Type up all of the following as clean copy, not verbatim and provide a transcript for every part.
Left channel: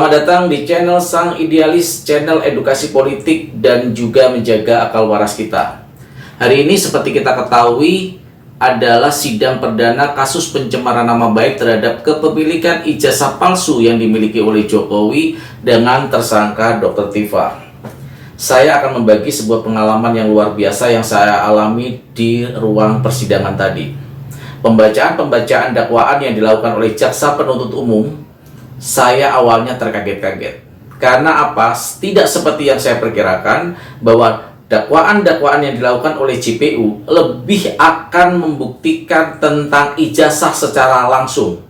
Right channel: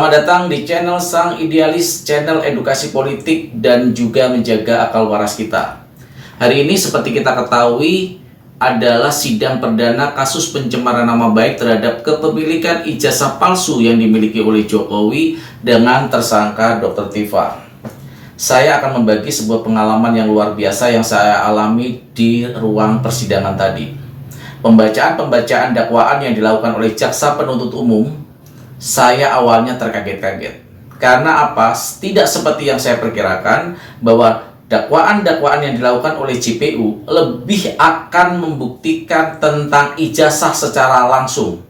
Selamat datang di channel Sang Idealis, channel edukasi politik dan juga menjaga akal waras kita. Hari ini seperti kita ketahui adalah sidang perdana kasus pencemaran nama baik terhadap kepemilikan ijazah palsu yang dimiliki oleh Jokowi dengan tersangka Dr. Tifa. Saya akan membagi sebuah pengalaman yang luar biasa yang saya alami di ruang persidangan tadi. Pembacaan dakwaan yang dilakukan oleh jaksa penuntut umum, saya awalnya terkaget-kaget. Karena apa? Tidak seperti yang saya perkirakan bahwa dakwaan-dakwaan yang dilakukan oleh JPU lebih akan membuktikan tentang ijazah secara langsung,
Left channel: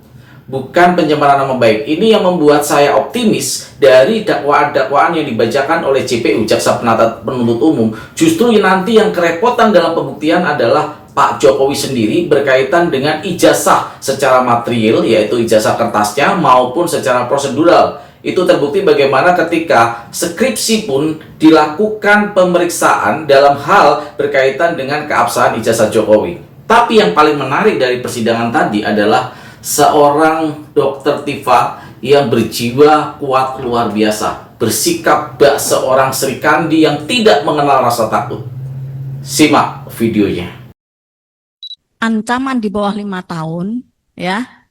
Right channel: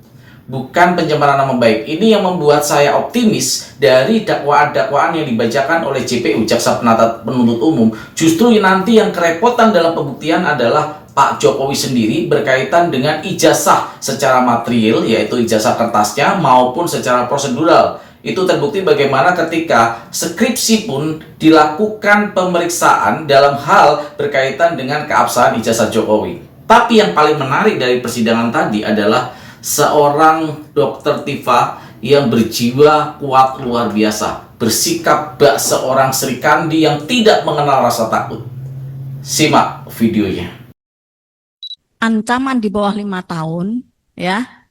bukan pencemaran nama baik. Ini yang membuat saya optimis dari dakwaan-dakwaan yang dibacakan oleh JPU, jaksa penuntut umum. Justru nanti yang kerepotan dalam pembuktian adalah Pak Jokowi sendiri berkaitan dengan ijazah secara material, yaitu ijazah kertasnya, maupun secara prosedural. Itu terbukti bagaimana ketika skripsi pun dilakukan pemeriksaan dalam hal berkaitan dengan keabsahan ijazah Jokowi. Tapi yang paling menarik dari persidangan tadi adalah seorang Dr. Tifa yang berjiwa kuat luar biasa, bersikap bak seorang Sri Kandi yang tidak mengenal rasa takut. Simak videonya. Ancaman di bawah 5 tahun, ya,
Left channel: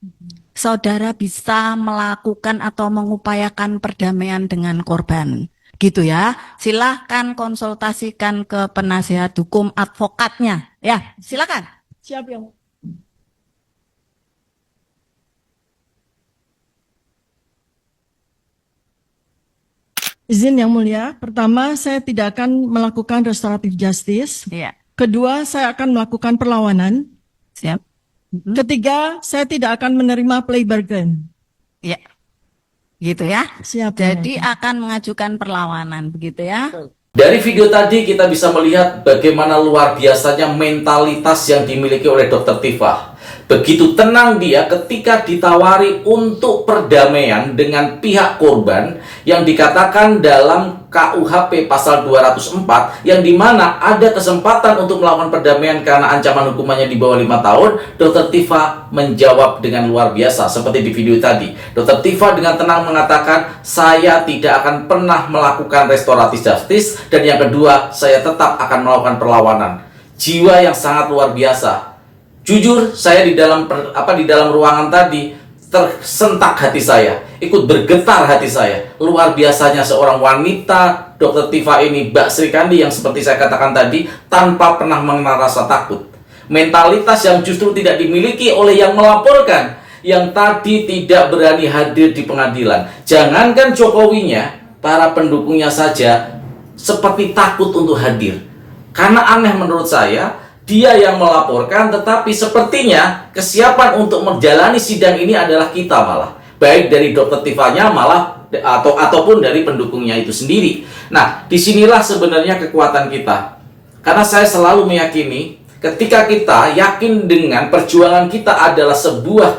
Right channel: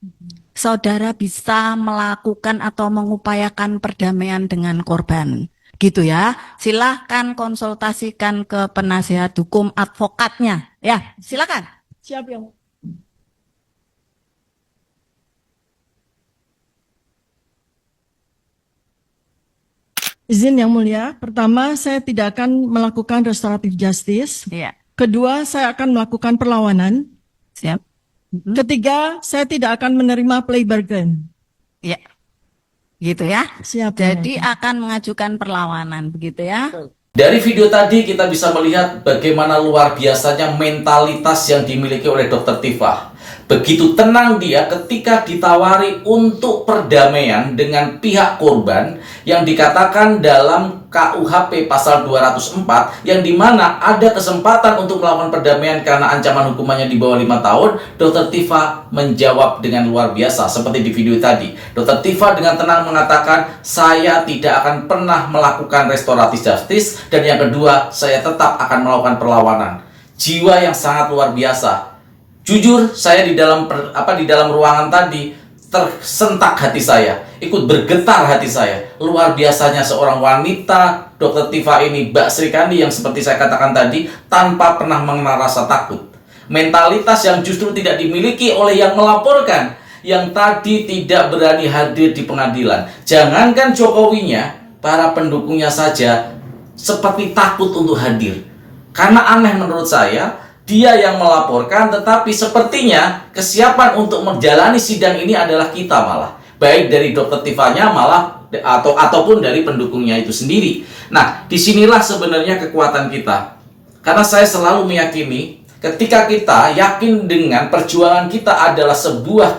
saudara bisa melakukan atau mengupayakan perdamaian dengan korban, gitu ya. Silahkan konsultasikan ke penasihat hukum advokatnya, ya, silakan. Siap yang izin yang mulia. Pertama, saya tidak akan melakukan restoratif justice. Ya, Kedua, saya akan melakukan perlawanan. siap. Ketiga, saya tidak akan menerima plea bargain. Ya, gitu ya. Siap. Jadi akan mengajukan perlawanan, begitu ya. Dari video tadi kita bisa melihat bagaimana luar biasanya mentalitas yang dimiliki oleh Dr. Tifa. Begitu tenang dia ketika ditawari untuk perdamaian dengan pihak korban yang dikatakan dalam KUHP pasal 204, yang dimana ada kesempatan untuk melakukan perdamaian karena ancaman hukumannya di bawah 5 tahun. Dr. Tifa menjawab dengan luar biasa seperti di video tadi. Dr. Tifa dengan tenang mengatakan, saya tidak akan pernah melakukan restoratif justice, dan yang kedua, saya tetap akan melakukan perlawanan. Jiwa yang sangat luar biasa. Jujur, saya di dalam ruangan tadi tersentak hati saya, ikut bergetar hati saya. Luar biasanya seorang wanita, Dr. Tifa ini, Mbak Sri Kandi, yang seperti saya katakan tadi, tanpa pernah mengenal rasa takut. Mentalitas yang justru tidak dimiliki oleh yang melaporkan, yang tadi tidak berani hadir di pengadilan. Jangankan Jokowinya, para pendukungnya saja seperti takut untuk hadir. Karena aneh menurut saya, dia yang melaporkan, tetapi sepertinya kesiapan untuk menjalani sidang ini adalah kita malah. Baik dari Dr. Tifanya malah ataupun dari pendukungnya itu sendiri. Nah, disinilah sebenarnya kekuatan kita. Karena saya selalu meyakini, ketika kita yakin dengan perjuangan kita adalah sebuah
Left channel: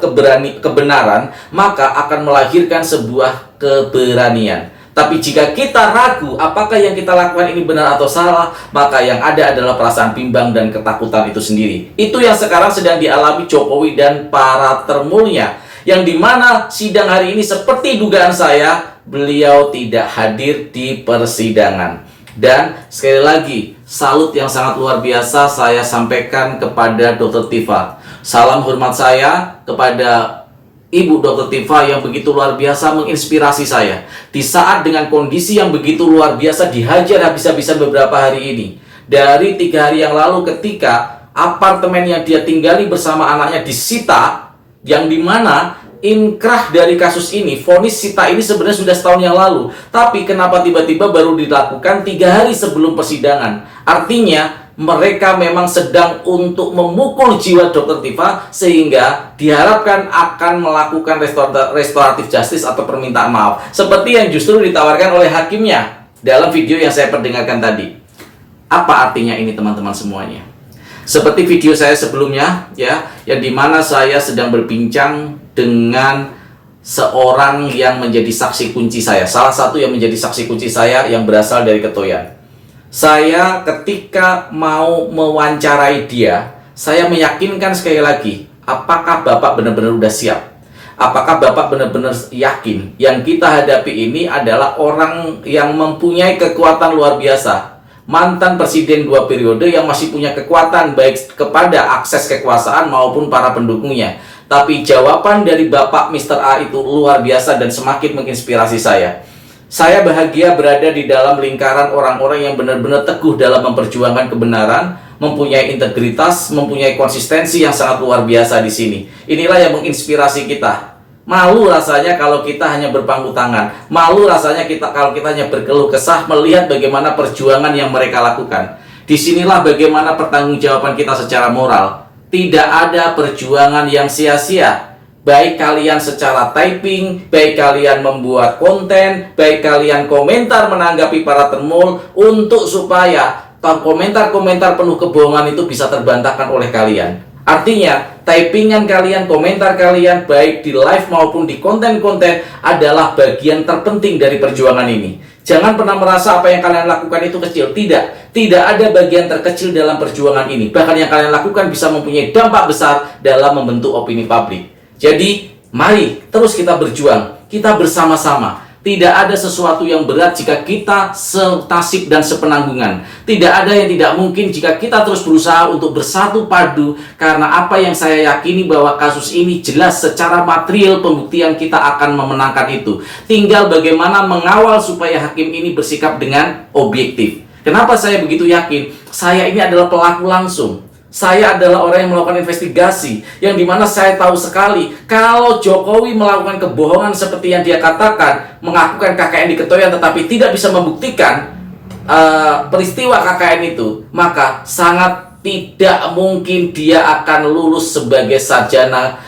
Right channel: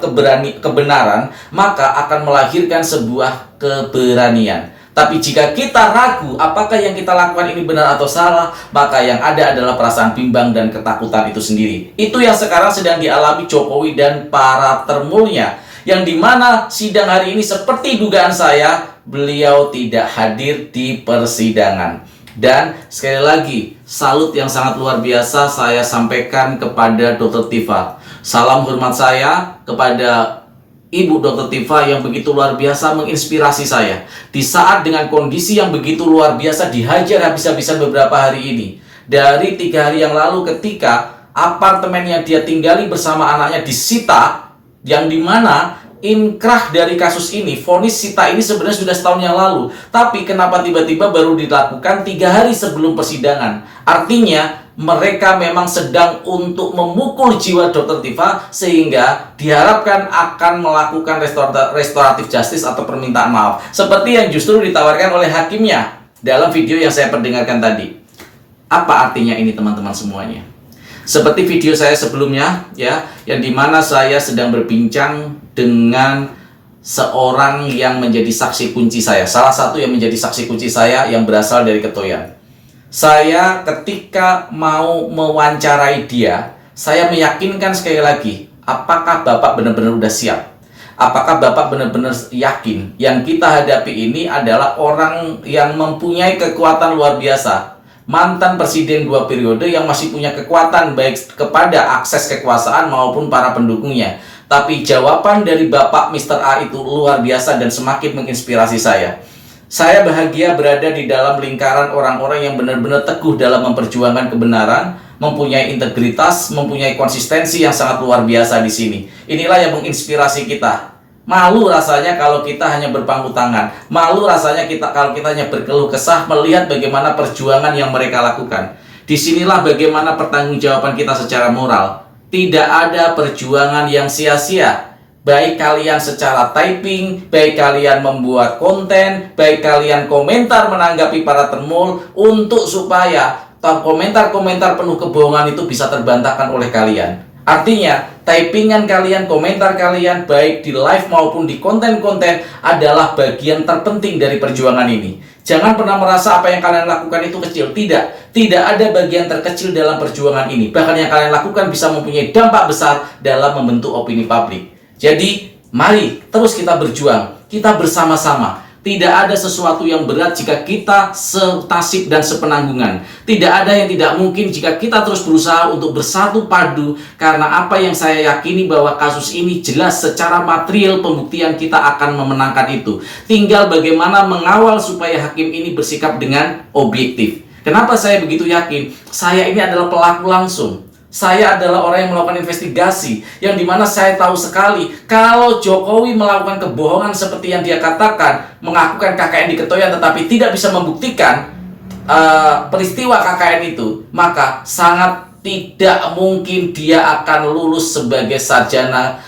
kebenaran, maka akan melahirkan sebuah keberanian. Tapi jika kita ragu apakah yang kita lakukan ini benar atau salah, maka yang ada adalah perasaan bimbang dan ketakutan itu sendiri. Itu yang sekarang sedang dialami Jokowi dan para termulnya, yang dimana sidang hari ini seperti dugaan saya, beliau tidak hadir di persidangan. Dan sekali lagi, salut yang sangat luar biasa saya sampaikan kepada Dr. Tifa. Salam hormat saya kepada Ibu Dr. Tifa yang begitu luar biasa menginspirasi saya. Di saat dengan kondisi yang begitu luar biasa dihajar habis-habisan beberapa hari ini. Dari 3 hari yang lalu ketika apartemen yang dia tinggali bersama anaknya disita, yang dimana inkrah dari kasus ini, vonis sita ini sebenarnya sudah setahun yang lalu. Tapi kenapa tiba-tiba baru dilakukan 3 hari sebelum persidangan? Artinya mereka memang sedang untuk memukul jiwa Dr. Tifa, sehingga diharapkan akan melakukan restoratif justice atau permintaan maaf, seperti yang justru ditawarkan oleh hakimnya dalam video yang saya perdengarkan tadi. Apa artinya ini teman-teman semuanya? Seperti video saya sebelumnya, ya, yang dimana saya sedang berbincang dengan seorang yang menjadi saksi kunci saya, salah satu yang menjadi saksi kunci saya yang berasal dari Ketoyan. Saya ketika mau mewawancarai dia, saya meyakinkan sekali lagi, apakah Bapak benar-benar udah siap? Apakah Bapak benar-benar yakin yang kita hadapi ini adalah orang yang mempunyai kekuatan luar biasa? Mantan presiden 2 periode yang masih punya kekuatan baik kepada akses kekuasaan maupun para pendukungnya. Tapi jawaban dari Bapak Mr. A itu luar biasa dan semakin menginspirasi saya. Saya bahagia berada di dalam lingkaran orang-orang yang benar-benar teguh dalam memperjuangkan kebenaran, mempunyai integritas, mempunyai konsistensi yang sangat luar biasa di sini. Inilah yang menginspirasi kita. Malu rasanya kalau kita hanya berpangku tangan. Malu rasanya kalau kita hanya berkeluh kesah melihat bagaimana perjuangan yang mereka lakukan. Disinilah bagaimana pertanggungjawaban kita secara moral. Tidak ada perjuangan yang sia-sia. Baik kalian secara typing, baik kalian membuat konten, baik kalian komentar menanggapi para termul untuk supaya komentar-komentar penuh kebohongan itu bisa terbantahkan oleh kalian. Artinya, typingan kalian, komentar kalian, baik di live maupun di konten-konten adalah bagian terpenting dari perjuangan ini. Jangan pernah merasa apa yang kalian lakukan itu kecil. Tidak ada bagian terkecil dalam perjuangan ini. Bahkan yang kalian lakukan bisa mempunyai dampak besar dalam membentuk opini publik. Jadi, mari terus kita berjuang. Kita bersama-sama. Tidak ada sesuatu yang berat jika kita senasib dan sepenanggungan. Tidak ada yang tidak mungkin jika kita terus berusaha untuk bersatu padu. Karena apa yang saya yakini bahwa kasus ini jelas secara material pembuktian kita akan memenangkan itu. Tinggal bagaimana mengawal supaya hakim ini bersikap dengan objektif. Kenapa saya begitu yakin? Saya ini adalah pelaku langsung. Saya adalah orang yang melakukan investigasi, yang dimana saya tahu sekali kalau Jokowi melakukan kebohongan seperti yang dia katakan, mengakukan KKN di Ketoyan tetapi tidak bisa membuktikan peristiwa KKN itu, maka sangat tidak mungkin dia akan lulus sebagai sarjana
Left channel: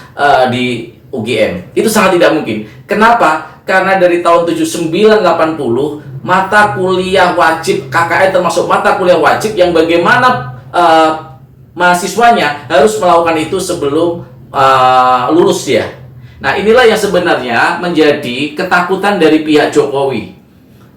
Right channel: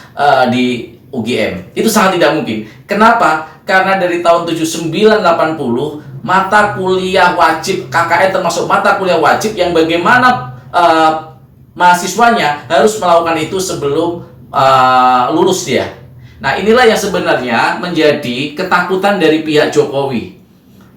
di UGM. Itu sangat tidak mungkin. Kenapa? Karena dari tahun 79-80 mata kuliah wajib KKN termasuk mata kuliah wajib yang bagaimana mahasiswanya harus melakukan itu sebelum lulus dia. Nah, inilah yang sebenarnya menjadi ketakutan dari pihak Jokowi.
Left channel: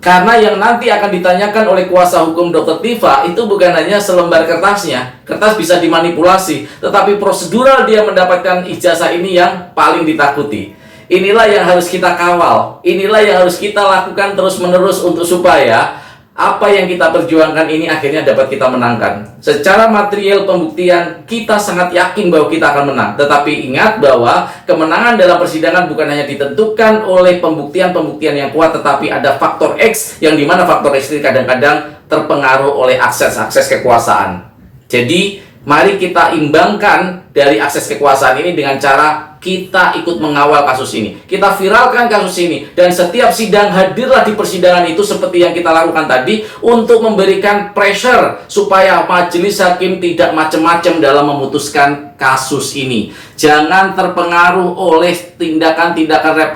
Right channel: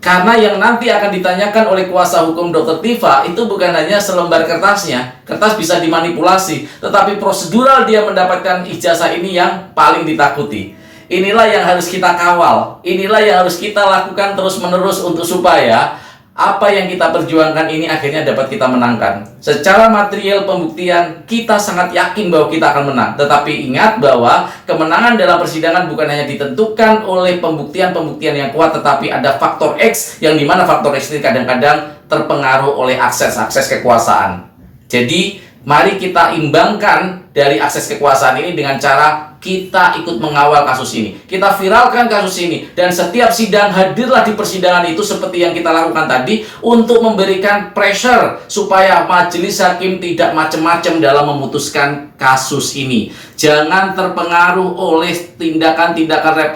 Karena yang nanti akan ditanyakan oleh kuasa hukum Dr. Tifa itu bukan hanya selembar kertasnya. Kertas bisa dimanipulasi, tetapi prosedural dia mendapatkan ijazah ini yang paling ditakuti. Inilah yang harus kita kawal. Inilah yang harus kita lakukan terus-menerus untuk supaya apa yang kita perjuangkan ini akhirnya dapat kita menangkan. Secara material pembuktian, kita sangat yakin bahwa kita akan menang. Tetapi ingat bahwa kemenangan dalam persidangan bukan hanya ditentukan oleh pembuktian-pembuktian yang kuat, tetapi ada faktor X, yang dimana faktor X ini kadang-kadang terpengaruh oleh akses kekuasaan. Jadi, mari kita imbangkan dari akses kekuasaan ini dengan cara kita ikut mengawal kasus ini. Kita viralkan kasus ini. Dan setiap sidang hadirlah di persidangan itu seperti yang kita lakukan tadi untuk memberikan pressure supaya majelis hakim tidak macam-macam dalam memutuskan kasus ini. Jangan terpengaruh oleh tindakan-tindakan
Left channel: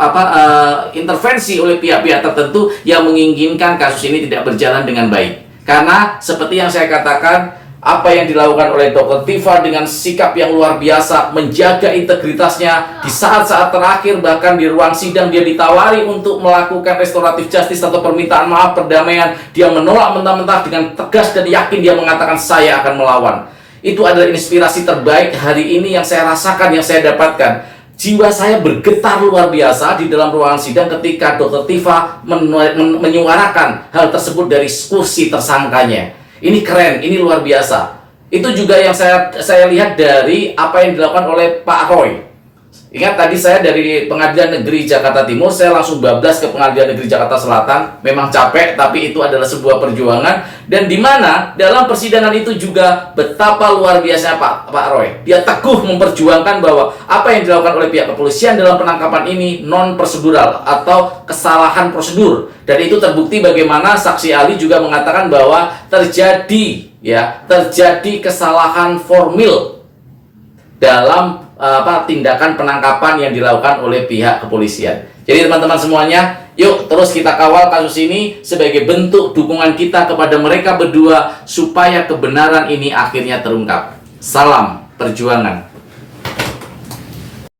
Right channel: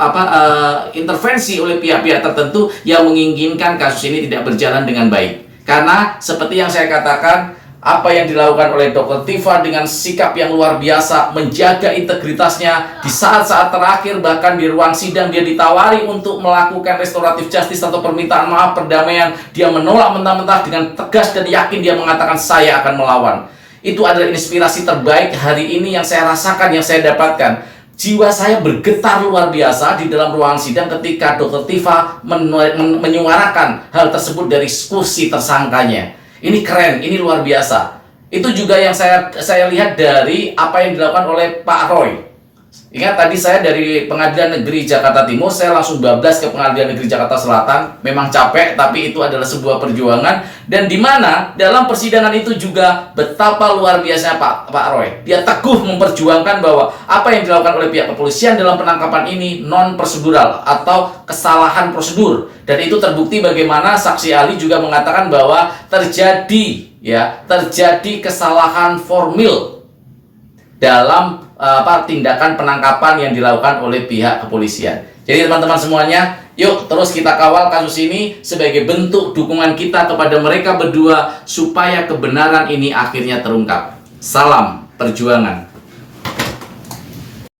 intervensi oleh pihak-pihak tertentu yang menginginkan kasus ini tidak berjalan dengan baik. Karena seperti yang saya katakan, apa yang dilakukan oleh Dr. Tifa dengan sikap yang luar biasa, menjaga integritasnya di saat-saat terakhir, bahkan di ruang sidang dia ditawari untuk melakukan restoratif justice atau permintaan maaf perdamaian, dia menolak mentah-mentah dengan tegas dan yakin dia mengatakan saya akan melawan. Itu adalah inspirasi terbaik hari ini yang saya rasakan, yang saya dapatkan. Jiwa saya bergetar luar biasa di dalam ruangan sidang ketika Dr. Tifa menyuarakan hal tersebut dari kursi tersangkanya. Ini keren, ini luar biasa. Itu juga yang saya lihat dari apa yang dilakukan oleh Pak Roy. Ingat tadi saya dari Pengadilan Negeri Jakarta Timur, saya langsung bablas ke Pengadilan Negeri Jakarta Selatan. Memang capek, tapi itu adalah sebuah perjuangan. Dan di mana dalam persidangan itu juga betapa luar biasanya Pak Roy. Dia teguh memperjuangkan bahwa apa yang dilakukan oleh pihak kepolisian dalam penangkapan ini non-prosedural atau kesalahan prosedur. Dan itu terbukti bagaimana saksi ahli juga mengatakan bahwa terjadi kesalahan formil dalam tindakan penangkapan yang dilakukan oleh pihak kepolisian. Jadi teman-teman semuanya, yuk terus kita kawal kasus ini sebagai bentuk dukungan kita kepada mereka berdua supaya kebenaran ini akhirnya terungkap. Salam perjuangan.